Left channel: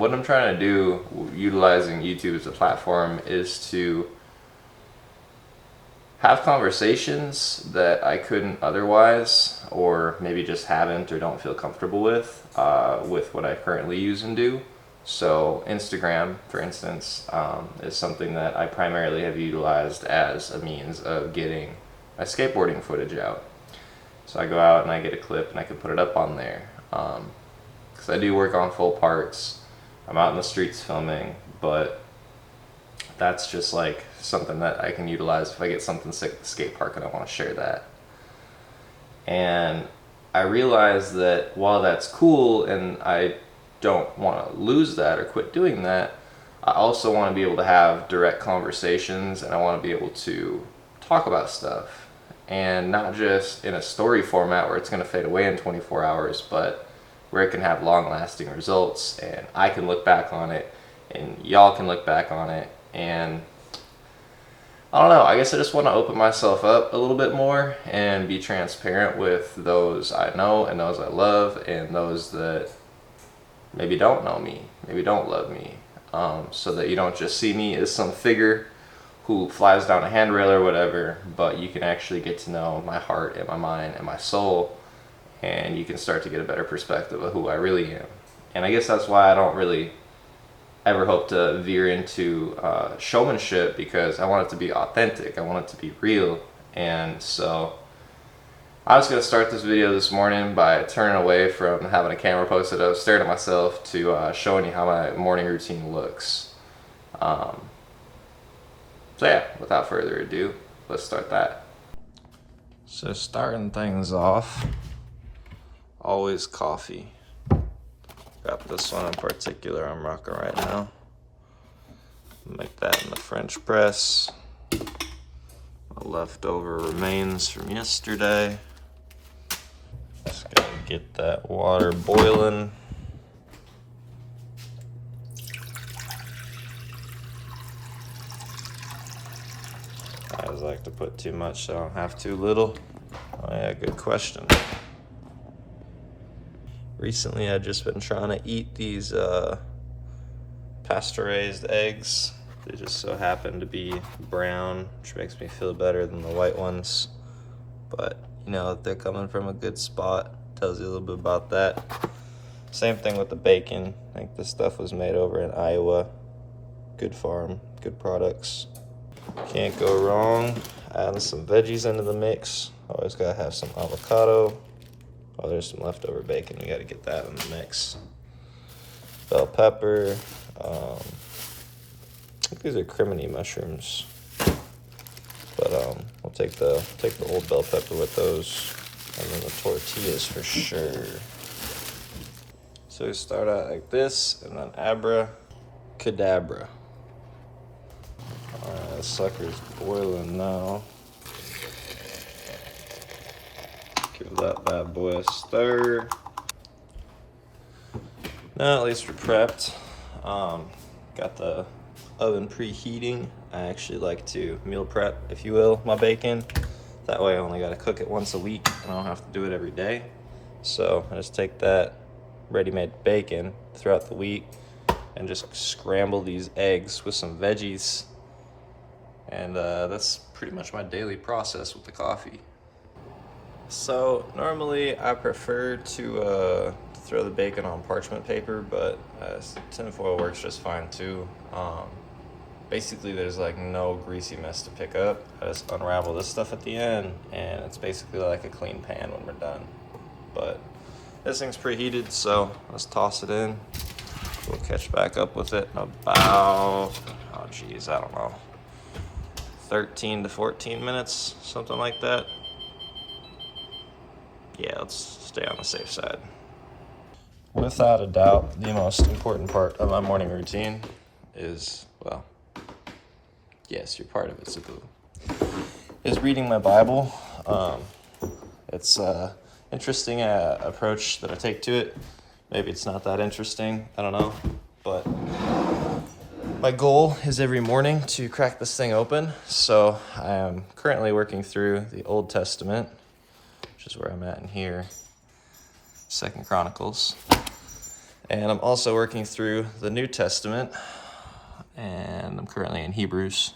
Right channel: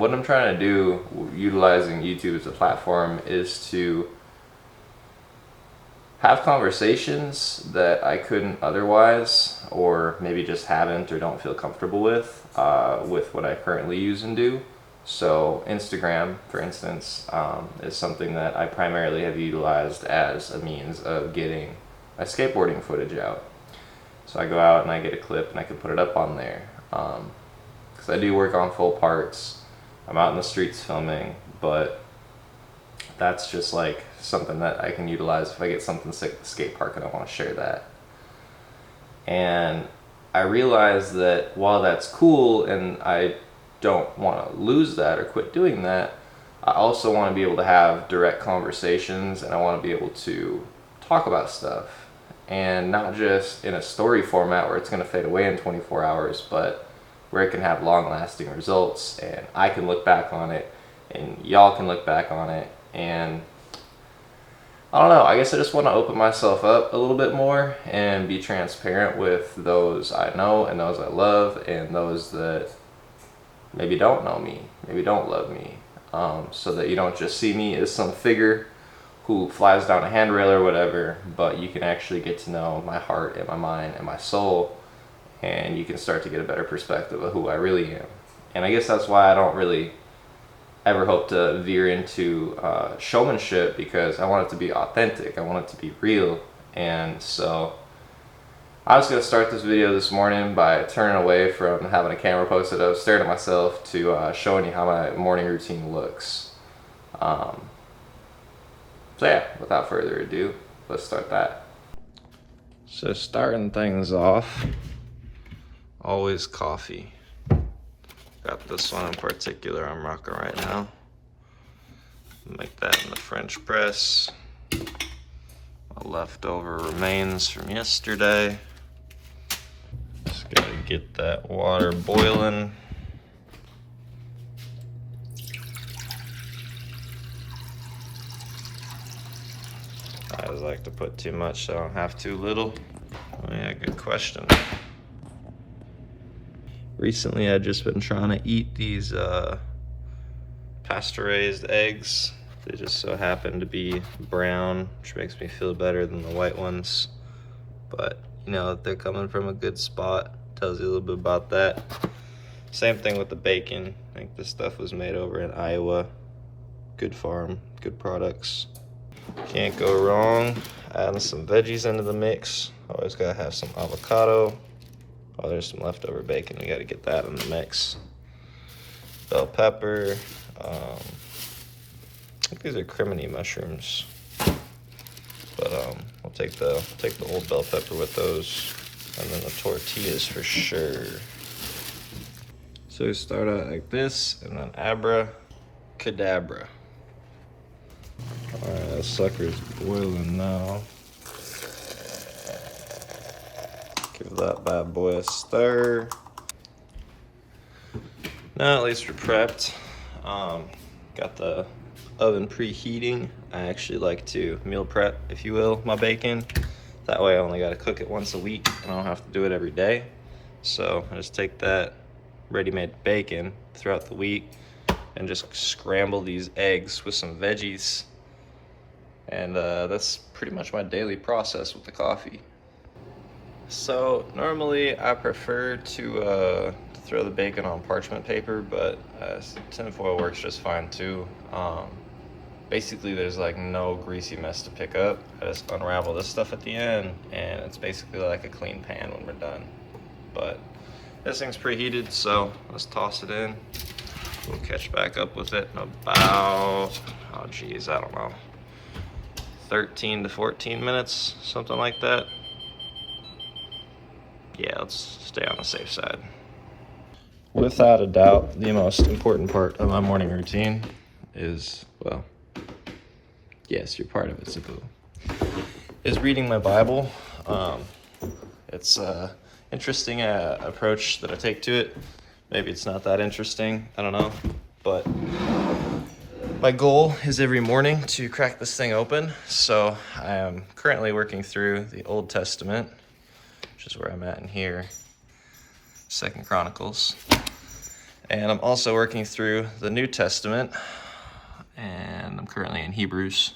what I'm trying to do, utilizing YouTube as a platform, is to have conversations that I couldn't otherwise, or maybe just haven't or don't feel comfortable with what I currently use and do. So Instagram, for instance, is something that I primarily have utilized as a means of getting my skateboarding footage out. So I go out and I get a clip and I can put it up on there. Because I do work on full parts. I'm out in the streets filming, but that's just like something that I can utilize if I get something sick at the skate park and I want to share that. And I realize that while that's cool and I don't want to lose that or quit doing that, I also want to be able to have direct conversations, and I want to be able to talk about stuff, and not just in a story format where it's going to fade away in 24 hours, but where it can have long lasting results and I can look back on it and y'all can look back on it. And I don't know, I guess I just want to open myself up a little bit more and be transparent with those I know and those I love and those that maybe don't know me, maybe don't love me, so that you don't just see me as some figure who flies down a handrail or whatever, but you can actually get to know my heart and my mind and my soul, and you can start to get a better perspective of who I really am. And I guess that's why I don't really ever hope to veer into showmanship, because I want it to be authentic, I want it to be real. And so I was going to start this video this morning by turning away from having a camera posted up, staring at myself, to showing you how my morning routine looks. So yeah, without further ado, let's start that. So starting things off, always coffee. Got this one in particular I'm rocking right now. Make that in the French press. My leftover remains from yesterday. Just gotta get that water boiling. I always like to put too much so I don't have too little. Oh yeah, good question. Recently I've just been trying to eat these pasteurized eggs. They just so happen to be brown, which makes me feel better than the white ones. But you know, if they're coming from a good spot, tells you a little bit about that. Same thing with the bacon. I think this stuff was made over in Iowa. Good farm, good products. Can't go wrong adding some veggies into the mix. Always gotta have some avocado. Oh, there's some leftover bacon. We gotta get that in the mix. Bell pepper. I think these are criminy mushrooms. But we'll take the old bell pepper with those, and then the tortillas for sure. So we start out like this, and then abracadabra. All right, that sucker's boiling now. Give that bad boy a stir. Now at least we're prepped. Got the oven preheating. I actually like to meal prep, if you will, my bacon. That way I only gotta cook it once a week and I don't have to do it every day. So I just take that ready-made bacon throughout the week and just scramble these eggs with some veggies. And that's pretty much my daily process with the coffee. So normally I prefer to throw the bacon on parchment paper, but tinfoil works just fine too. Basically there's like no greasy mess to pick up. I just unravel this stuff at the end and it's basically like a clean pan when we're done. But this thing's preheated, so let's toss it in. We'll catch back up with it in about, oh geez, I don't know, 13 to 14 minutes, something like that. Yeah, let's stay on the safe side. Without a doubt, the most important part of my morning routine is, well, yes, you're part of it, Sabu, is reading my Bible. It's an interesting approach that I take to it. Maybe it's not that interesting, I don't know. But my goal is every morning to crack this thing open. So I am currently working through the Old Testament, which is where I'm at in here, 2 Chronicles. And I'm also working through the New Testament, and I'm currently in Hebrews.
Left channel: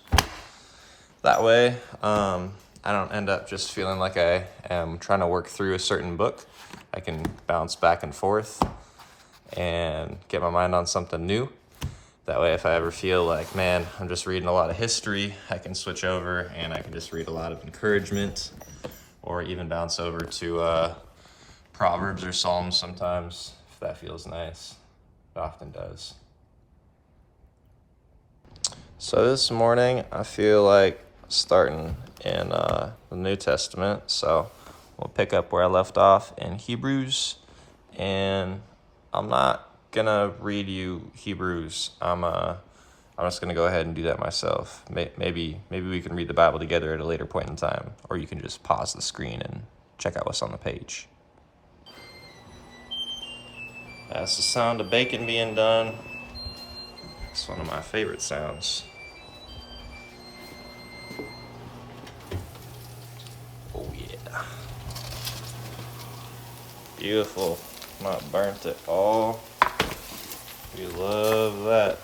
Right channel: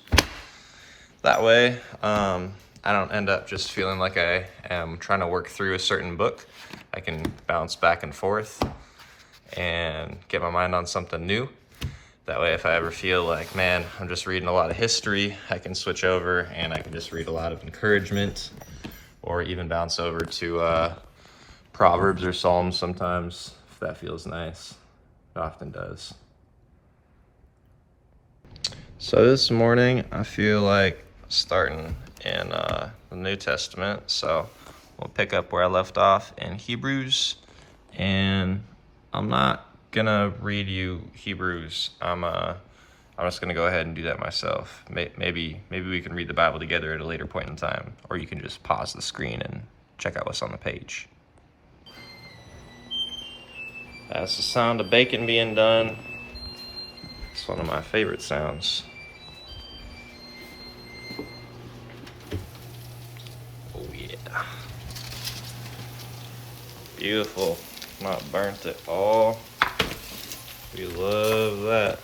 That way, I don't end up just feeling like I am trying to work through a certain book. I can bounce back and forth and get my mind on something new. That way, if I ever feel like, man, I'm just reading a lot of history, I can switch over and I can just read a lot of encouragement, or even bounce over to Proverbs or Psalms sometimes, if that feels nice. It often does. So this morning, I feel like starting in the New Testament. So we'll pick up where I left off in Hebrews. And I'm not gonna read you Hebrews. I'm just gonna go ahead and do that myself. Maybe we can read the Bible together at a later point in time, or you can just pause the screen and check out what's on the page. That's the sound of bacon being done. It's one of my favorite sounds. Oh yeah. Beautiful. Not burnt at all. We love that.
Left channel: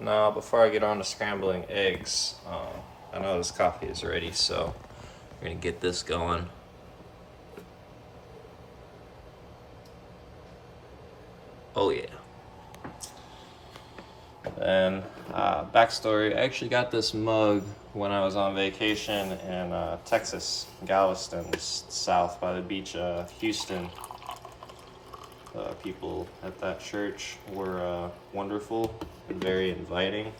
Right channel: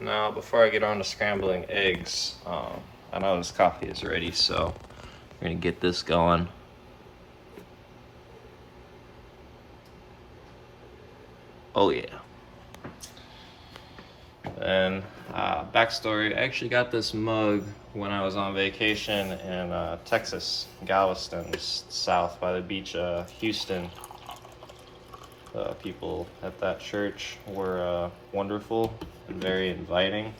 Now, before I get on to scrambling eggs, I know this coffee is ready, so we're gonna get this going. Oh yeah. And backstory, I actually got this mug when I was on vacation in Texas, Galveston, south by the beach, Houston. People at that church were wonderful and very inviting.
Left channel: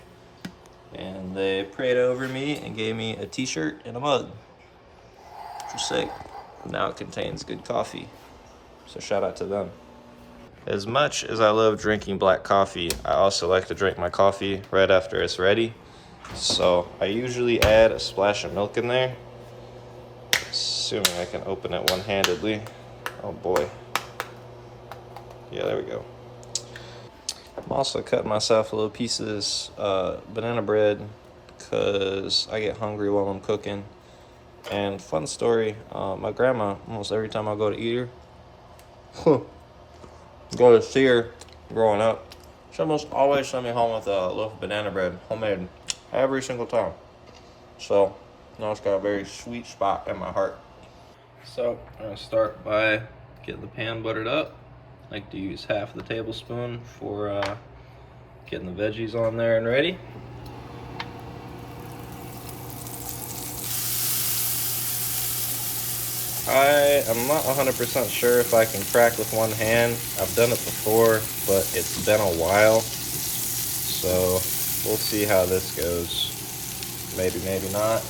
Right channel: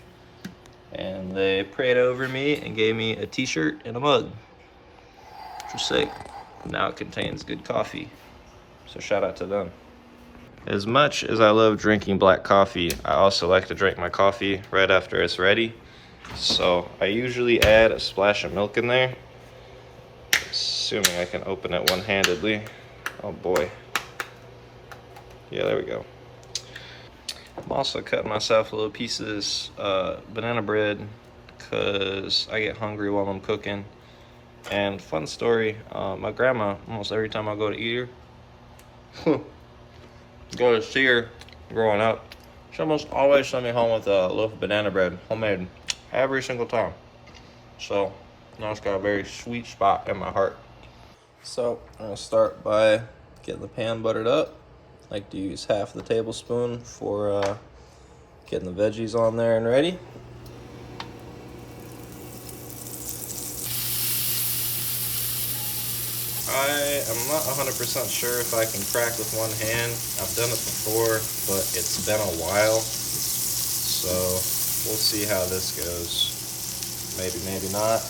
And they prayed over me and gave me a t-shirt and a mug, which was sick. Now it contains good coffee, so shout out to them. As much as I love drinking black coffee, I also like to drink my coffee right after it's ready. So I usually add a splash of milk in there, assuming I can open it one-handedly. Oh boy. Yeah, there we go. I'm also cutting myself little pieces banana bread because I get hungry while I'm cooking. And fun story, my grandma, almost every time I go to eat her, go to see her growing up, she almost always sent me home with a loaf of banana bread, homemade, every single time. So now it's got a very sweet spot in my heart. So I'm gonna start by getting the pan buttered up. I like to use half the tablespoon for getting the veggies on there and ready. I am not 100% sure if I can crack with one hand. I've done it before, but it's been a while. So we'll see how this goes. Maybe, maybe not.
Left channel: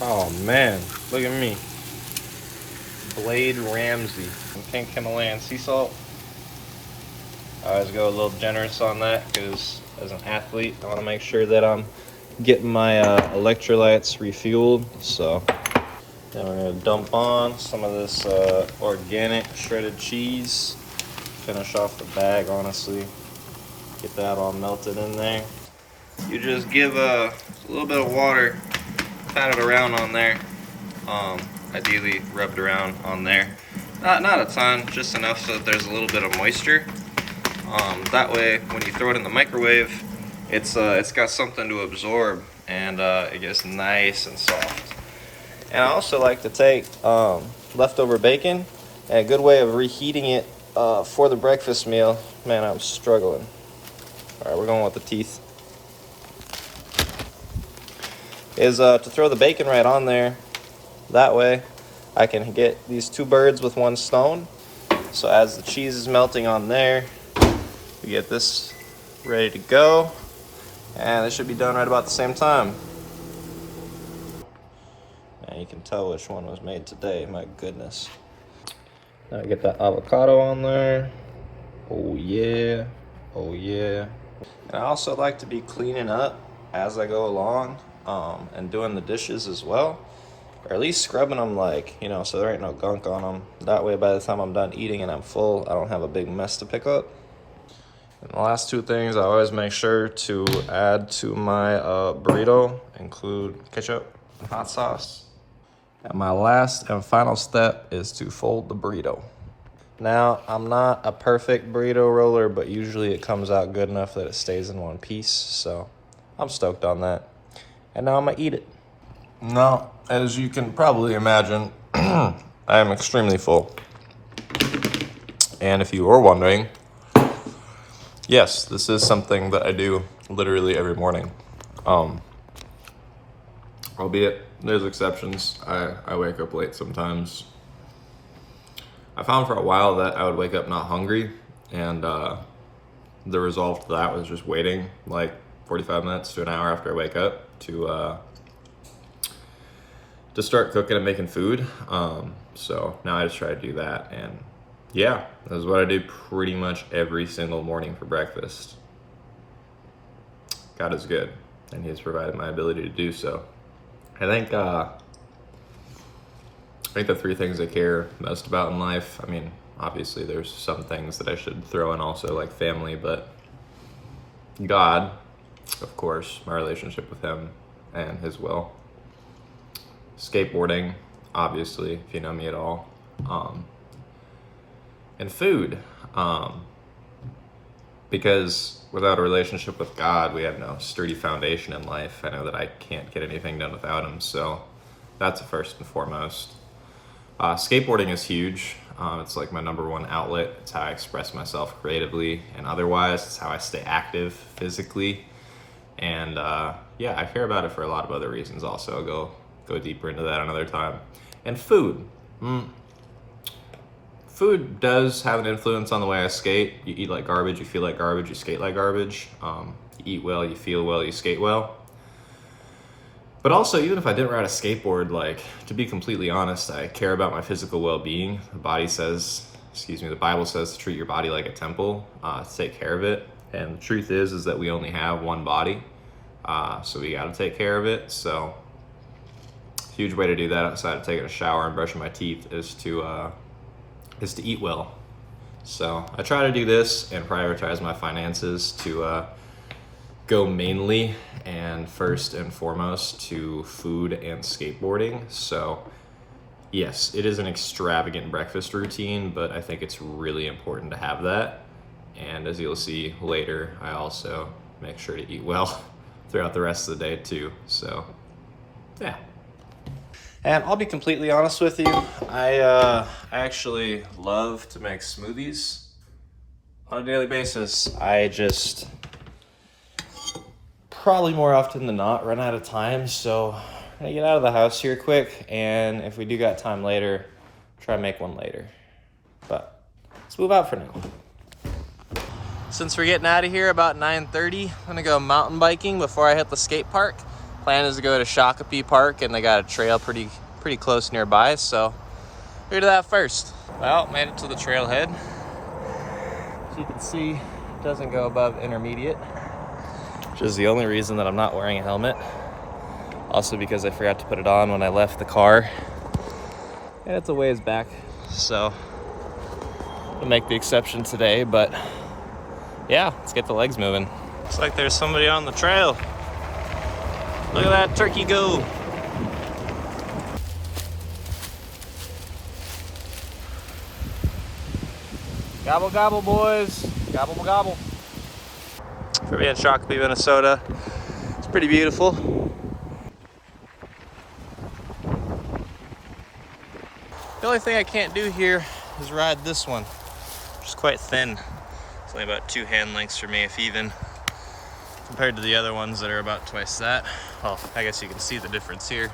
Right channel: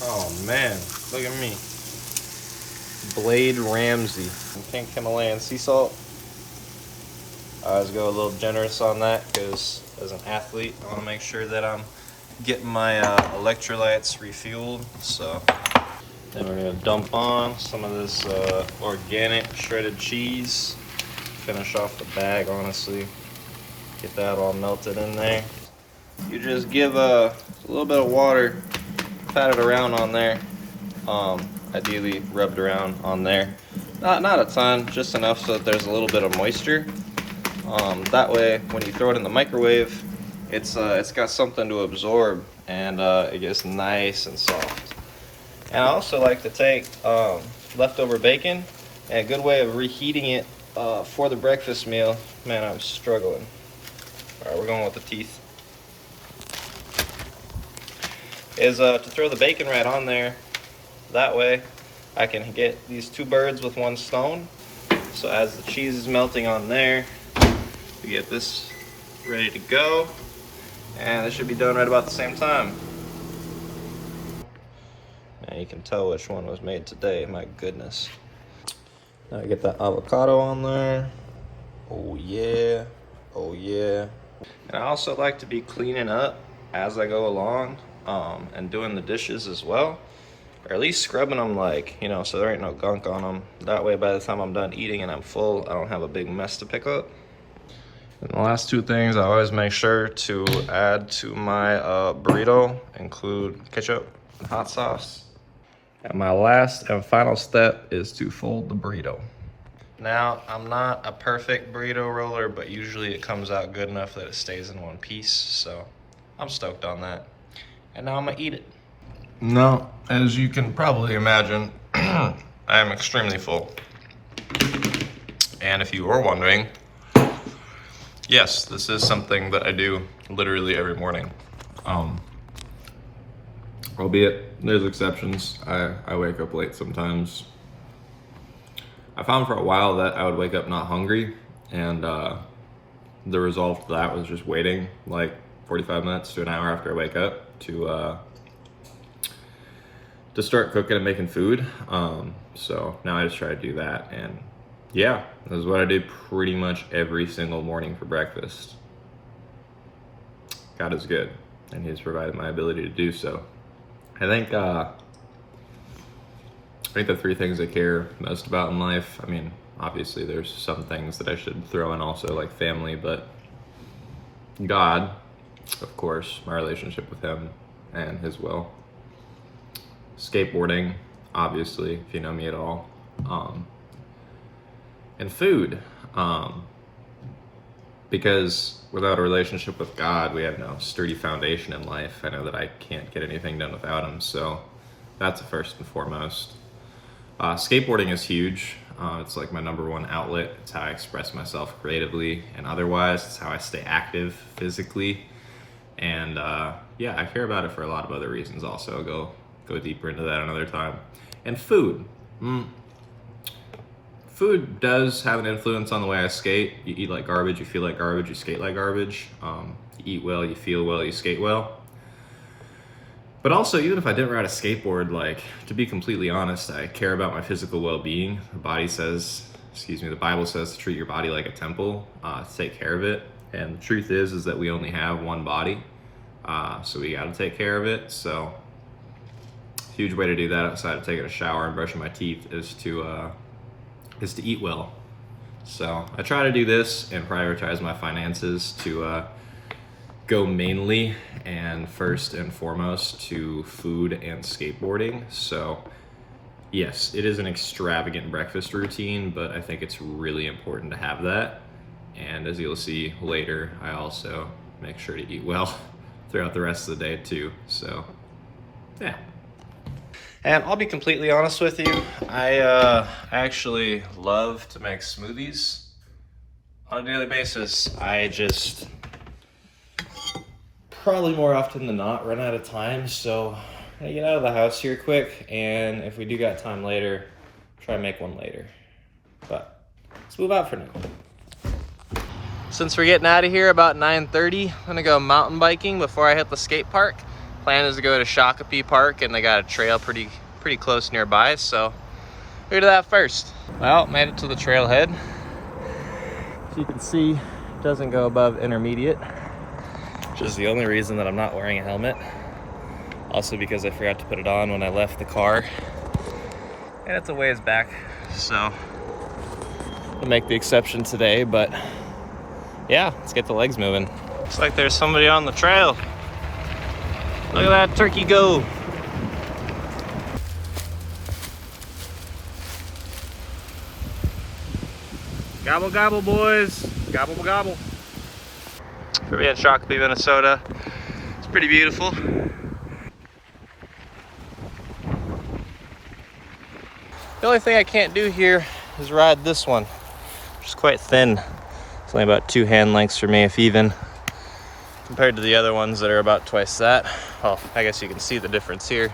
Oh man, look at me. Blade Ramsey from Pink Himalayan sea salt. I always go a little generous on that because as an athlete, I want to make sure that I'm getting my electrolytes refueled. So then we're going to dump on some of this organic shredded cheese. Finish off the bag, honestly. Get that all melted in there. You just give a little bit of water, pat it around on there. Ideally rub it around on there. Not a ton, just enough so that there's a little bit of moisture. That way, when you throw it in the microwave, it's got something to absorb, and it gets nice and soft. And I also like to take leftover bacon, and a good way of reheating it for the breakfast meal. Man, I'm struggling. All right, we're going with the teeth. Is to throw the bacon right on there. That way, I can get these two birds with one stone. So as the cheese is melting on there, we get this ready to go, and it should be done right about the same time. And you can tell which one was made today, my goodness. Now I get that avocado on there. Oh yeah, oh yeah. And I also like to be cleaning up as I go along, and doing the dishes as well. Or at least scrubbing them, like, you know, so there ain't no gunk on them. That way by the time I'm done eating and I'm full, I don't have a big mess to pick up. And the last two things I always make sure to add to my burrito include ketchup. and hot sauce. And my last and final step is to fold the burrito. Now, I'm not a perfect burrito roller, but usually it comes out good enough that it stays in one piece, so I'm stoked on that. And now I'm gonna eat it. Now, as you can probably imagine, I am extremely full. And if you were wondering, yes, this is something that I do literally every morning. Albeit, there's exceptions. I wake up late sometimes. I found for a while that I would wake up not hungry, and the result of that was just waiting like 45 minutes to an hour after I wake up to start cooking and making food. So now I just try to do that, and yeah, that's what I do pretty much every single morning for breakfast. God is good, and He has provided my ability to do so. I think the three things I care most about in life, I mean, obviously there's some things that I should throw in also, like family, but God, of course, my relationship with Him and His will. Skateboarding, obviously, if you know me at all. And food, because without a relationship with God, we have no sturdy foundation in life. I know that I can't get anything done without Him, so that's first and foremost. Skateboarding is huge. It's like my number one outlet. It's how I express myself creatively and otherwise. It's how I stay active physically. And yeah, I care about it for a lot of other reasons also. I'll go deeper into that another time. And food. Food does have an influence on the way I skate. You eat like garbage, you feel like garbage, you skate like garbage. You eat well, you feel well, you skate well. But also, even if I didn't ride a skateboard, like, to be completely honest, I care about my physical well-being. The Bible says to treat your body like a temple, to take care of it. And the truth is that we only have one body, so we gotta take care of it. So, a huge way to do that outside of taking a shower and brushing my teeth is to eat well. So, I try to do this and prioritize my finances to go mainly and first and foremost to food and skateboarding. So yes, it is an extravagant breakfast routine, but I think it's really important to have that. And as you'll see later, I also make sure to eat well throughout the rest of the day too. So yeah. And I'll be completely honest with you, I actually love to make smoothies on a daily basis. I just probably more often than not run out of time, so I'm gonna get out of the house here quick, and if we do got time later, try to make one later. But let's move out for now. Since we're getting out of here about 9:30, I'm gonna go mountain biking before I hit the skate park. Plan is to go to Shakopee Park, and they got a trail pretty close nearby, so we'll do that first. Well, made it to the trailhead. As you can see, it doesn't go above intermediate, which is the only reason that I'm not wearing a helmet. Also because I forgot to put it on when I left the car. And it's a ways back, so I'll make the exception today, but yeah, let's get the legs moving. Looks like there's somebody on the trail. Look at that turkey go. Gobble, gobble, boys. Gobble, gobble. For me in Shakopee, Minnesota, it's pretty beautiful. The only thing I can't do here is ride this one, which is quite thin. It's only about 2 hand lengths for me, if even, compared to the other ones that are about twice that. Well, I guess you can see the difference here.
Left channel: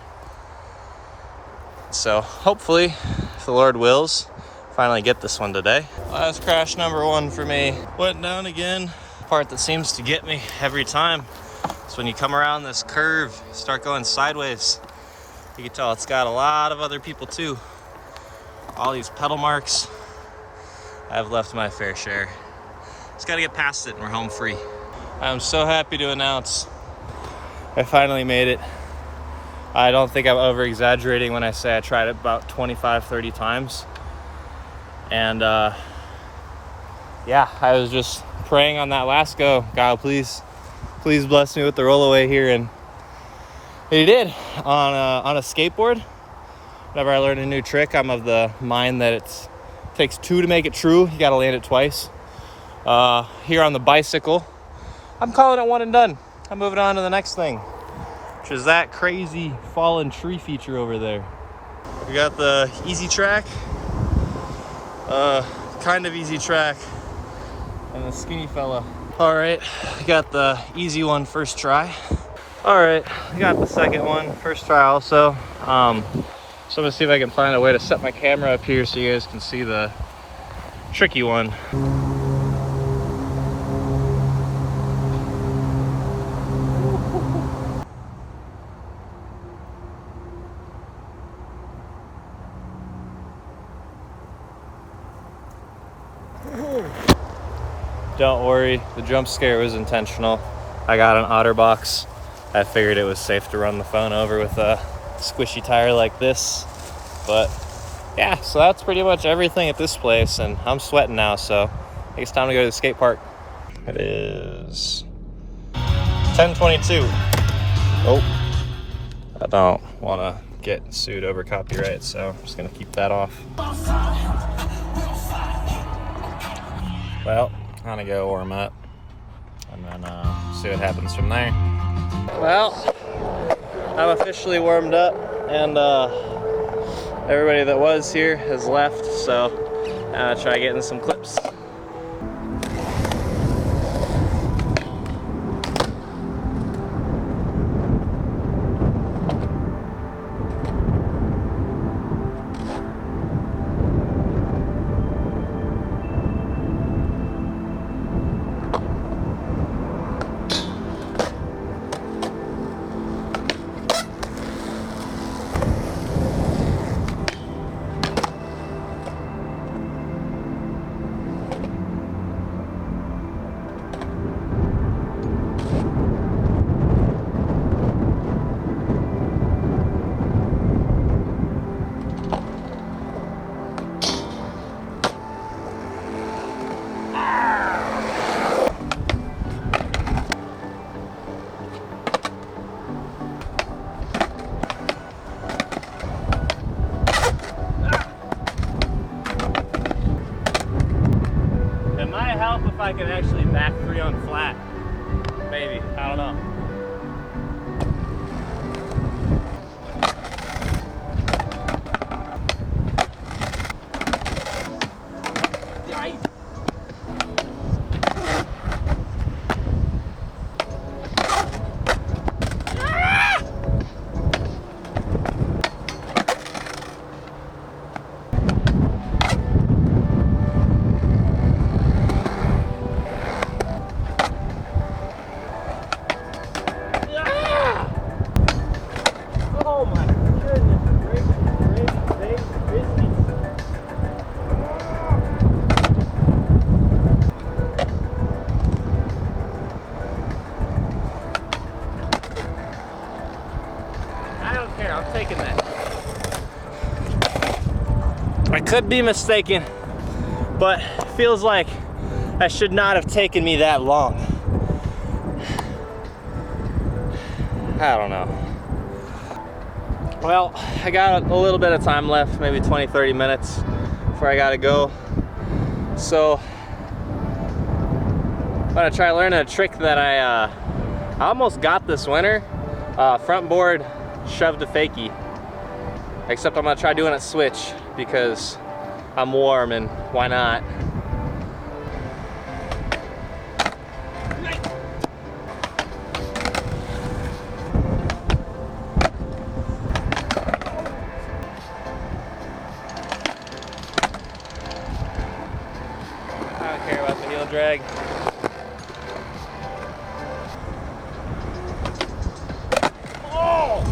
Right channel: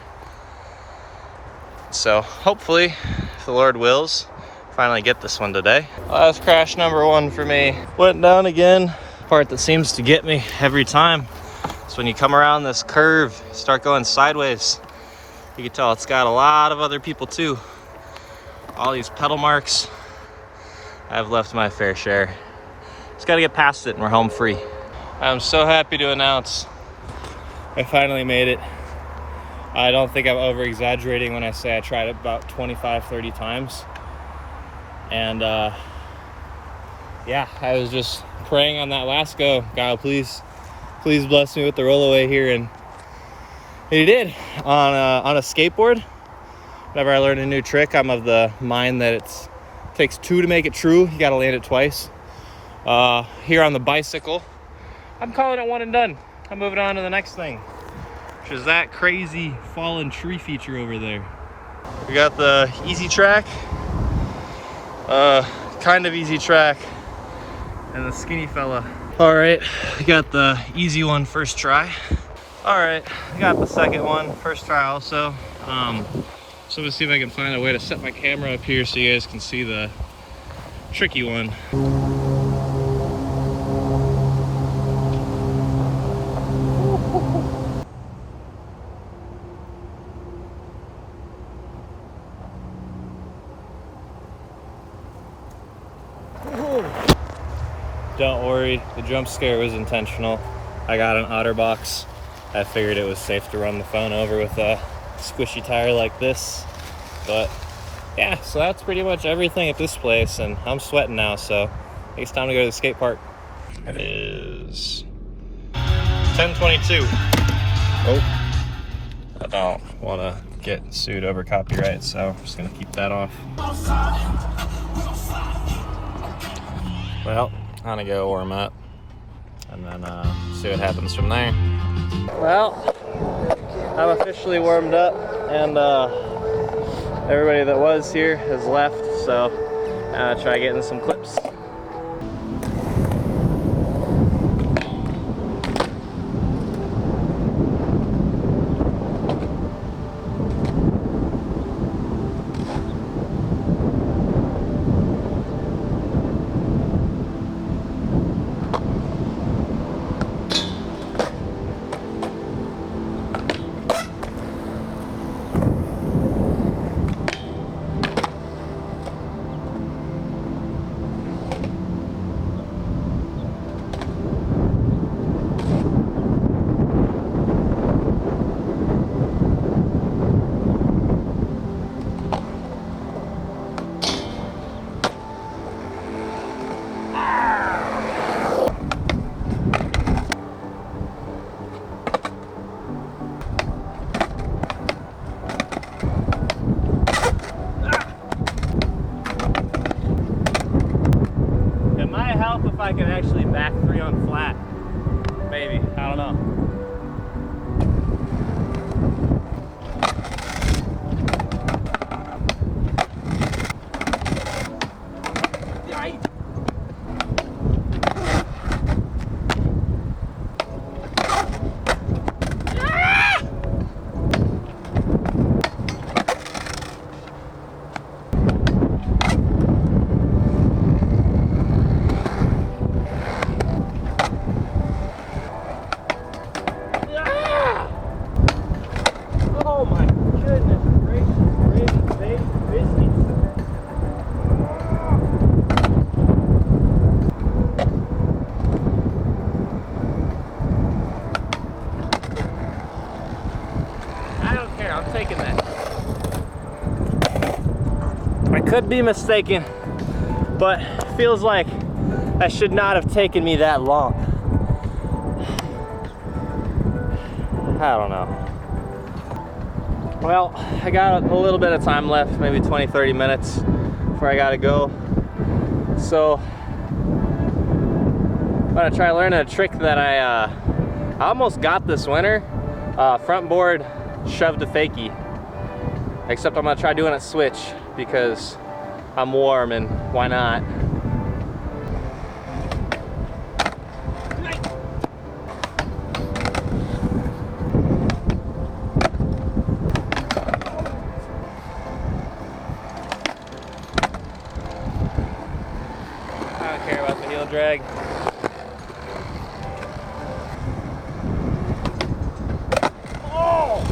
So hopefully, if the Lord wills, finally get this one today. Last crash number 1 for me. Went down again. Part that seems to get me every time is when you come around this curve, start going sideways. You can tell it's got a lot of other people too. All these pedal marks. I've left my fair share. Just gotta get past it and we're home free. I'm so happy to announce I finally made it. I don't think I'm over exaggerating when I say I tried it about 25-30 times. And yeah, I was just praying on that last go, God, please bless me with the rollaway here, and He did on a skateboard. Whenever I learn a new trick, I'm of the mind that it takes two to make it true. You gotta land it twice. Here on the bicycle, I'm calling it one and done. I'm moving on to the next thing, which is that crazy fallen tree feature over there. We got the easy track, kind of easy track, and the skinny fella. All right, we got the easy one first try. All right, I got the second one first try also. So I'm gonna see if I can find a way to set my camera up here so you guys can see the tricky one. Don't worry, the jump scare was intentional. I got an OtterBox. I figured it was safe to run the phone over with a squishy tire like this. But yeah, so that's pretty much everything at this place, and I'm sweating now, so I think it's time to go to the skate park. It is 10:22. Oh, I don't want to get sued over copyright, so I'm just gonna keep that off. Well, I'm gonna go warm up and then see what happens from there. Well, I'm officially warmed up, and everybody that was here has left, so I'm gonna try getting some clips. Help if I can actually back three on flat. Maybe, I don't know. Oh my goodness gracious, I don't care, I'm taking that. I could be mistaken, but it feels like that should not have taken me that long. I don't know. Well, I got a little bit of time left, maybe 20-30 minutes before I gotta go. So I'm gonna try learning a trick that I almost got this winter. Front board shoved to fakie. Except I'm gonna try doing it switch because I'm warm and why not? I don't care about the heel drag. Oh!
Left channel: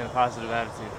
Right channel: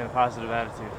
and a positive attitude.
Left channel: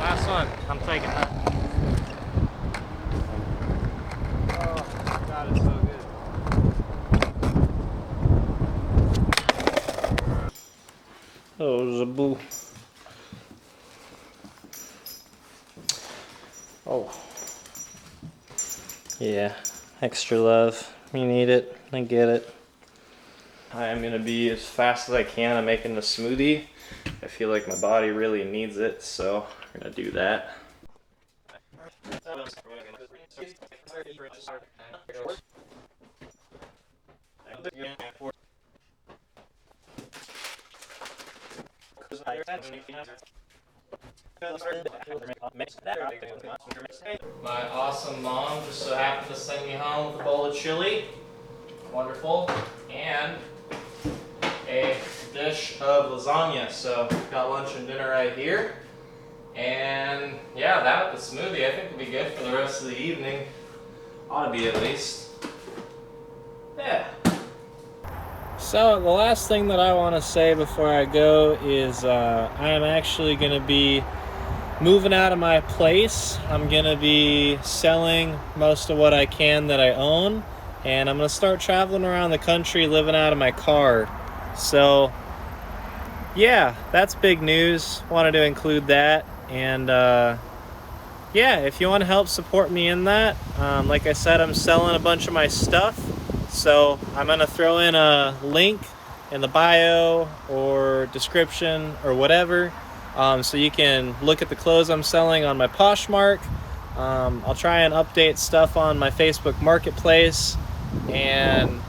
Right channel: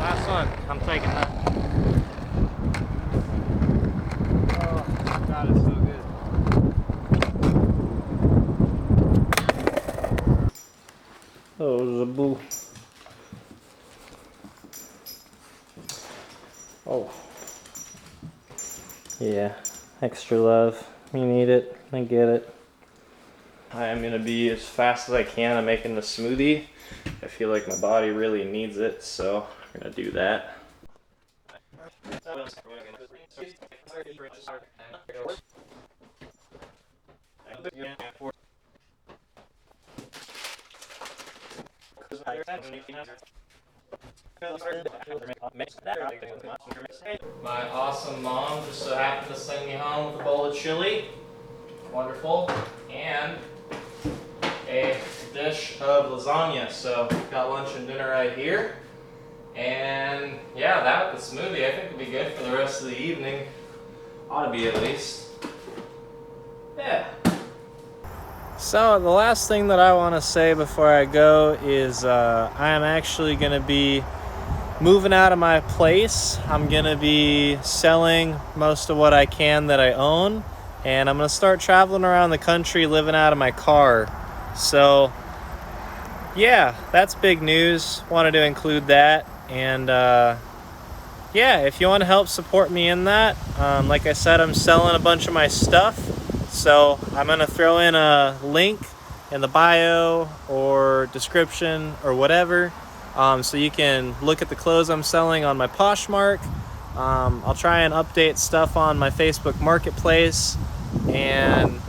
Last one. I'm taking that. Oh, God, it's so good. Oh, Zaboo. Oh. Yeah, extra love. You need it. I get it. I am gonna be as fast as I can at making the smoothie. I feel like my body really needs it, so we're gonna do that. My awesome mom just so happened to send me home with a bowl of chili. Wonderful. And a dish of lasagna. So got lunch and dinner right here. And yeah, that with the smoothie I think would be good for the rest of the evening. Ought to be at least. Yeah. So the last thing that I want to say before I go is I am actually going to be moving out of my place. I'm going to be selling most of what I can that I own. And I'm going to start traveling around the country living out of my car. So yeah, that's big news. Wanted to include that. And yeah, if you want to help support me in that, like I said, I'm selling a bunch of my stuff. So I'm going to throw in a link in the bio or description or whatever. So you can look at the clothes I'm selling on my Poshmark. I'll try and update stuff on my Facebook Marketplace. And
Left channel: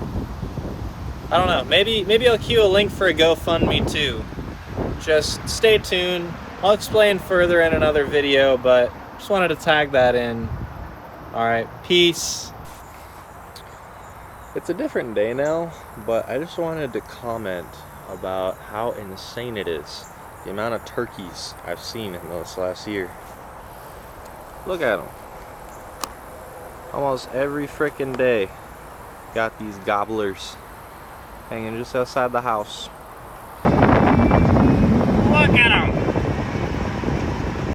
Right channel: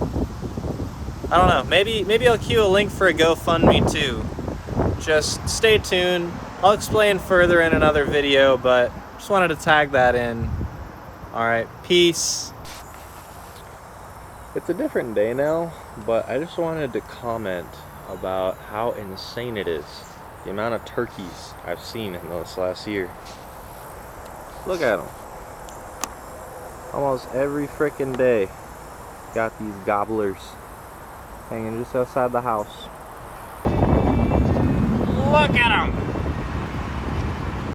I don't know, maybe I'll cue a link for a GoFundMe too. Just stay tuned. I'll explain further in another video, but just wanted to tag that in. Alright, peace. It's a different day now, but I just wanted to comment about how insane it is. The amount of turkeys I've seen in this last year. Look at them. Almost every frickin' day. Got these gobblers hanging just outside the house. Look at them!